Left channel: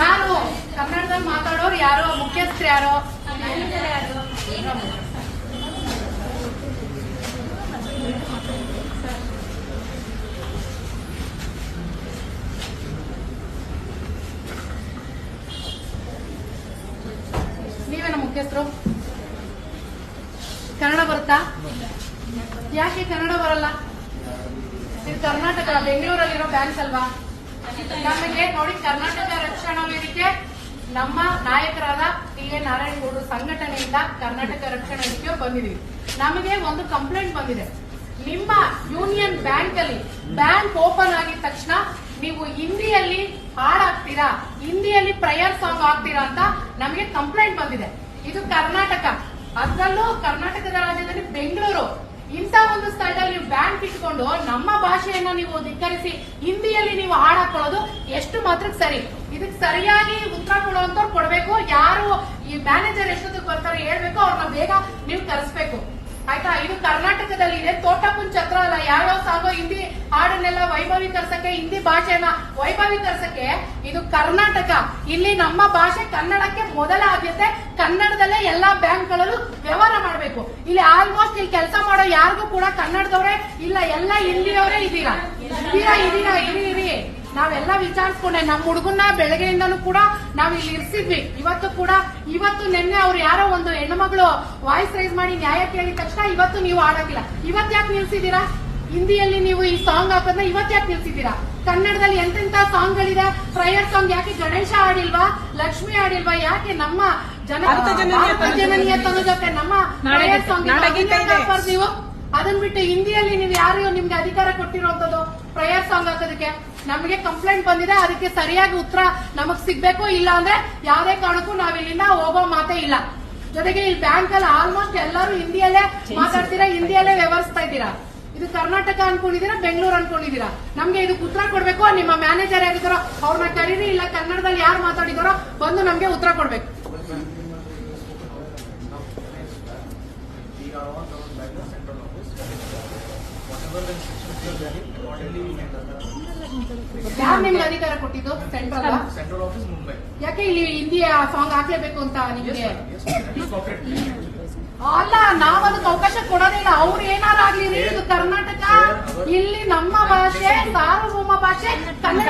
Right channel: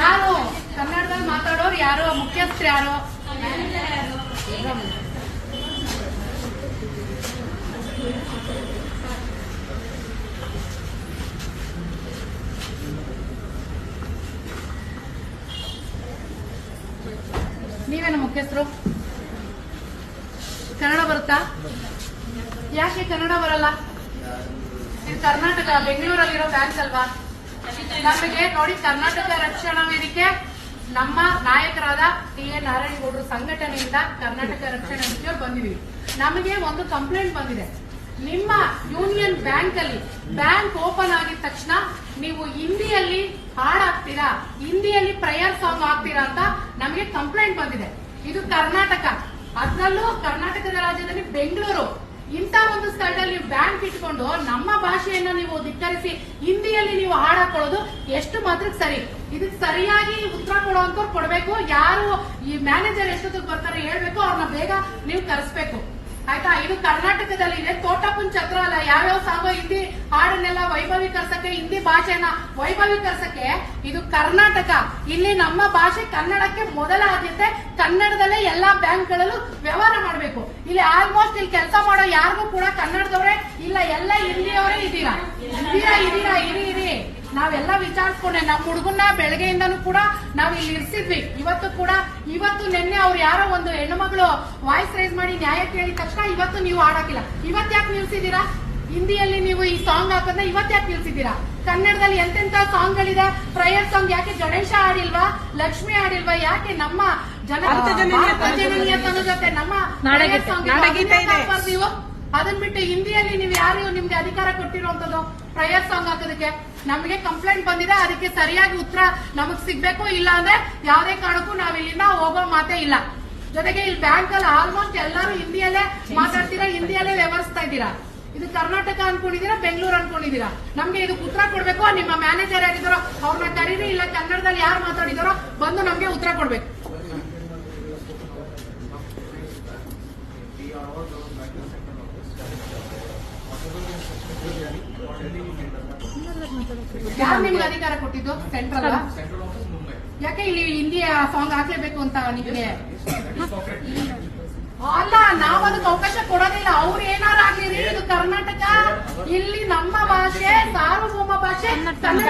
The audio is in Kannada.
ಯಾರು ಕನ್ನಡದಲ್ಲಿ ಮಾತಾಡೋರು ಯಾರು, ಮುಖ್ಯಸ್ಥರು ಯಾರು? ನೀವೇನ ಮುಖ್ಯಸ್ಥರು? ಕನ್ನಡ ಬರುತ್ತಾ? ಯಾಕೆ ಕನ್ನಡ ಬರಲ್ಲ? ಇದು ಕರ್ನಾಟಕ, ಬೆಂಗಳೂರಲ್ಲಿರೋ ಬ್ಯಾಂಕ್ ಅಲ್ವಾ? ನಮಗೆ ನೋಡಿ, ಕರ್ನಾಟಕ ರಕ್ಷಣಾ ವೇದಿಕೆ ನಮ್ಮ ನಾಯಕರಾದ ಟಿ.ಎ. ನಾರಾಯಣಗೌಡರ ಸಂಘಟನೆಯಿಂದ ಕರ್ನಾಟಕ ರಕ್ಷಣಾ ವೇದಿಕೆಯವರು ಬಂದಿದ್ದೀವಿ. ನಮಗೆ ಒಂದು ಕಂಪ್ಲೇಂಟ್ ಬಂದಿದೆ. ನಿಮ್ಮ ಯೂನಿಯನ್ ಬ್ಯಾಂಕ್ ಅಲ್ಲಿ ಬ್ಯಾಂಕ್ ಓಪನ್ ಆಗಿದ ತಕ್ಷಣ ನೀವು ಹಿಂದಿಯಲ್ಲಿ ಹಾಡಾಗ್ತೀರಾ, ಹಿಂದಿಯಲ್ಲಿ ಪ್ರೇಯರ್ ಸಾಂಗ್ ಆಗ್ತೀರಾ ಅಂತ ನಮಗೆ ಕಂಪ್ಲೇಂಟ್ ಬಂದಿದೆ. ಇದು ಕರ್ನಾಟಕ, ಅದರಲ್ಲೂ ಕರ್ನಾಟಕದ ರಾಜ್ಯದಲ್ಲಿ ಬೆಂಗಳೂರು. ಇಂಥ ಒಂದು ಸ್ಥಳದಲ್ಲಿ ನೀವು ಬ್ಯಾಂಕ್ ಇಟ್ಕೊಂಡು ನಮ್ಮ ಭಾಷೆಯನ್ನ ನೀವು ಧಿಕ್ಕರಿಸಿ ಹಿಂದಿಯಲ್ಲಿ ನೀವು ಹಾಡಾಕೊಳ್ಳೋದು ಎಷ್ಟು ಮಾತ್ರಕ್ಕೆ ಸರಿ? ಇದಕ್ಕೆ ಸರಿಯಾಗಿ ಉತ್ತರ ಕೊಡುವಂತವ್ರು ಕೊಡಬೇಕು. ಯಾರು ಈ ಮ್ಯಾನೇಜರ್ ಎಷ್ಟೊತ್ತಿಗೆ ಬರ್ತಾರೆ ಹೇಳ್ಬೇಕು, ಅವ್ರನ್ನ ಬೇಗ ನೀವು ಕರೆಸ್ಬೇಕು, ಆಯ್ತಾ? ಇದು ಕರ್ನಾಟಕದಲ್ಲಿ ಇದೆ. ತೋಟಪುನ್ ಛತ್ರ ಅಲ್ಲ. ಯಾವ್ಯಾವ ಸಾಗೋ ಹಿಂದಿ ಹಾಡನ್ನೆಲ್ಲ ವೈಭವೀಕರಿಸಕ್ಕೆ, ಹಿಂದಿ ಭಾಷೆನ ವೈಭವೀಕರಿಸಕ್ಕೆ ಇದು ಕರ್ನಾಟಕ. ಇಲ್ಲಿ ನಮ್ಮ ಭಾಷೆ ಕನ್ನಡಕ್ಕೆ ಮೊದಲ ಆದ್ಯತೆ. ಕನ್ನಡದಲ್ಲೇ ಎಲ್ಲಾ ಬ್ಯಾಂಕ್ಗಳಲ್ಲೂ ವ್ಯವಹಾರ ಮಾಡಬೇಕು. ಇಲ್ಲಿ ಆಲ್ಮೋಸ್ಟ್ ಇಲ್ಲಿ ಕೆಲಸ ಮಾಡೋ ಯಾರಿಗೂ ಕೂಡ ಕನ್ನಡದವರೇ ಇಲ್ಲ, ಎಲ್ಲ ಹಿಂದಿಯವರೇ ಇದ್ದೀರಾ. ಇರಿ ನಾವೆಲ್ಲ ವಿಚಾರಿಸ್ಕೊಂಡೆ. ನಮ್ಮ ಹುಡುಗನ್ನ ಬೆಳಗ್ಗೆಯಿಂದನೂ ಕೂಡ ನಾವು ಇಲ್ಲಿ ಇರಿಸಿದ್ವಿ. ಇವತ್ತು ನಿನ್ನೆ ಅವ್ರು ಯಾರೋ ಒಂದು ಹೆಣ್ಣುಮಗಳು ವಾಯ್ಸ್ ರೈಸ್ ಮಾಡಿ ನ್ಯಾಯ ಕೇಳಿದ ತಕ್ಷಣ ಇವತ್ತು ನೀವು ಆಡೋಕಿಲ್ಲ. ಇವತ್ತು ಯಾಕೆ ನಿಲ್ಸಿದ್ದೀರಾ? ಹಿಂದಿಯಲ್ಲಿ ನೀವು ಈ ಸಾಂಗ್ ಹಾಕೋದ್ನ ಇವತ್ತು ಯಾಕೆ ನಿಲ್ಸಿದ್ದೀರಾ? ಕನ್ನಡದಲ್ಲಿ ಎಂತೆಂತ ಸಾಂಗ್ಗಳಿದೆ. ಪ್ರೇಯರ್ ಸಾಂಗ್ ಯಾಕೆ ಗಣೇಶ ಆಡಿಲ್ವಾ, ಲಕ್ಷ್ಮಿ ಆಡಿಲ್ವಾ? ಯಾಕೆ ನಮ್ಮ ಜನನೀಯತನ ಜೊತೆ ನಮ್ಮ ಪ್ರೇಯರ್ ಸಾಂಗ್ ನೀವು ಅದನ್ ಬಿಟ್ಟು ಹಿಂದಿಯಲ್ಲಿ ನೀವು ಯಾರು ನಿಮ್ಗೆ ಅಧಿಕಾರ ಕೊಟ್ಟಿರುವಂತದ್ದು ಪ್ರೇಯರ್ ಸಾಂಗ್ ಹಾಕೋದಕ್ಕೆ? ನಮಗೆ ಕಂಪ್ಲೇಂಟ್ ಬಂದಿದೆ. ಅದಕ್ಕೆ ಸರಿಯಾಗಿ ಉತ್ತರ ನಮಗ್ ಸಿಗ್ಬೇಕು. ಇಲ್ಲ ಅಂದ್ರೆ ಯಾವುದೇ ಕಾರಣಕ್ಕೂ ನಾವ್ ಇಲ್ಲಿಂದ ಹೋಗೋ ಮಾತೇ ಇಲ್ಲ. ಜೊತೆಗೆ ಈ ಬ್ಯಾಂಕ್ ಅಲ್ಲಿ ಆಲ್ಮೋಸ್ಟ್ ಎಲ್ಲರೂ ಹಿಂದಿಯಲ್ಲೇ ಮಾತಾಡ್ತೀರಾ, ಹಿಂದಿಯಲ್ಲೇ ವ್ಯವಹರಿಸ್ತಾ ಇದ್ದೀರಾ. ಇದು ಕರ್ನಾಟಕ ಅನ್ಕೊಂಡಿದೀರಾ, ಬೆಂಗಳೂರು ಅನ್ಕೊಂಡಿದೀರಾ? ನಮ್ಗೆ ಇದಕ್ಕೆ ಉತ್ತರ ಕೊಡ್ಬೇಕು. ನಿಮ್ಮ ಮ್ಯಾನೇಜರ್ ಯಾರಿದ್ದಾರೋ ಅವ್ರನ್ನ ಕರೀರಿ, ಇಲ್ಲ ಕನ್ನಡದಲ್ಲಿ ಯಾರು ಮಾತಾಡಿದಾರೋ ಬಂದು ನಮ್ಗೆ ಉತ್ತರ ಕೊಡ್ಬೇಕು. ಯಾರು ನಿಮ್ಗೆ ಅಧಿಕಾರ ಕೊಟ್ಟಿದ್ದು? ಸೆಂಟ್ರಲ್. ಯಾಕೆ ಇಲ್ಲಿ ಹಿಂದಿ ಸಾಂಗ್ ಹಾಕ್ಲೇಬೇಕು ಅಂತ ನಿಮಗೆ? ಅಲ್ಲ, ನಾವ್ ಅದಕ್ಕೆ ಅವಕಾಶ ಕೊಡೋದಿಲ್ಲ. ಅವ್ರು ಏನಾರು ಆಗ್ಲಿ, ಇದು ಕರ್ನಾಟಕ, ಇಲ್ಲಿ ನಮ್ಮ ಭಾಷೆ ಸಾರ್ವಭೌಮ ಭಾಷೆ ಕನ್ನಡ.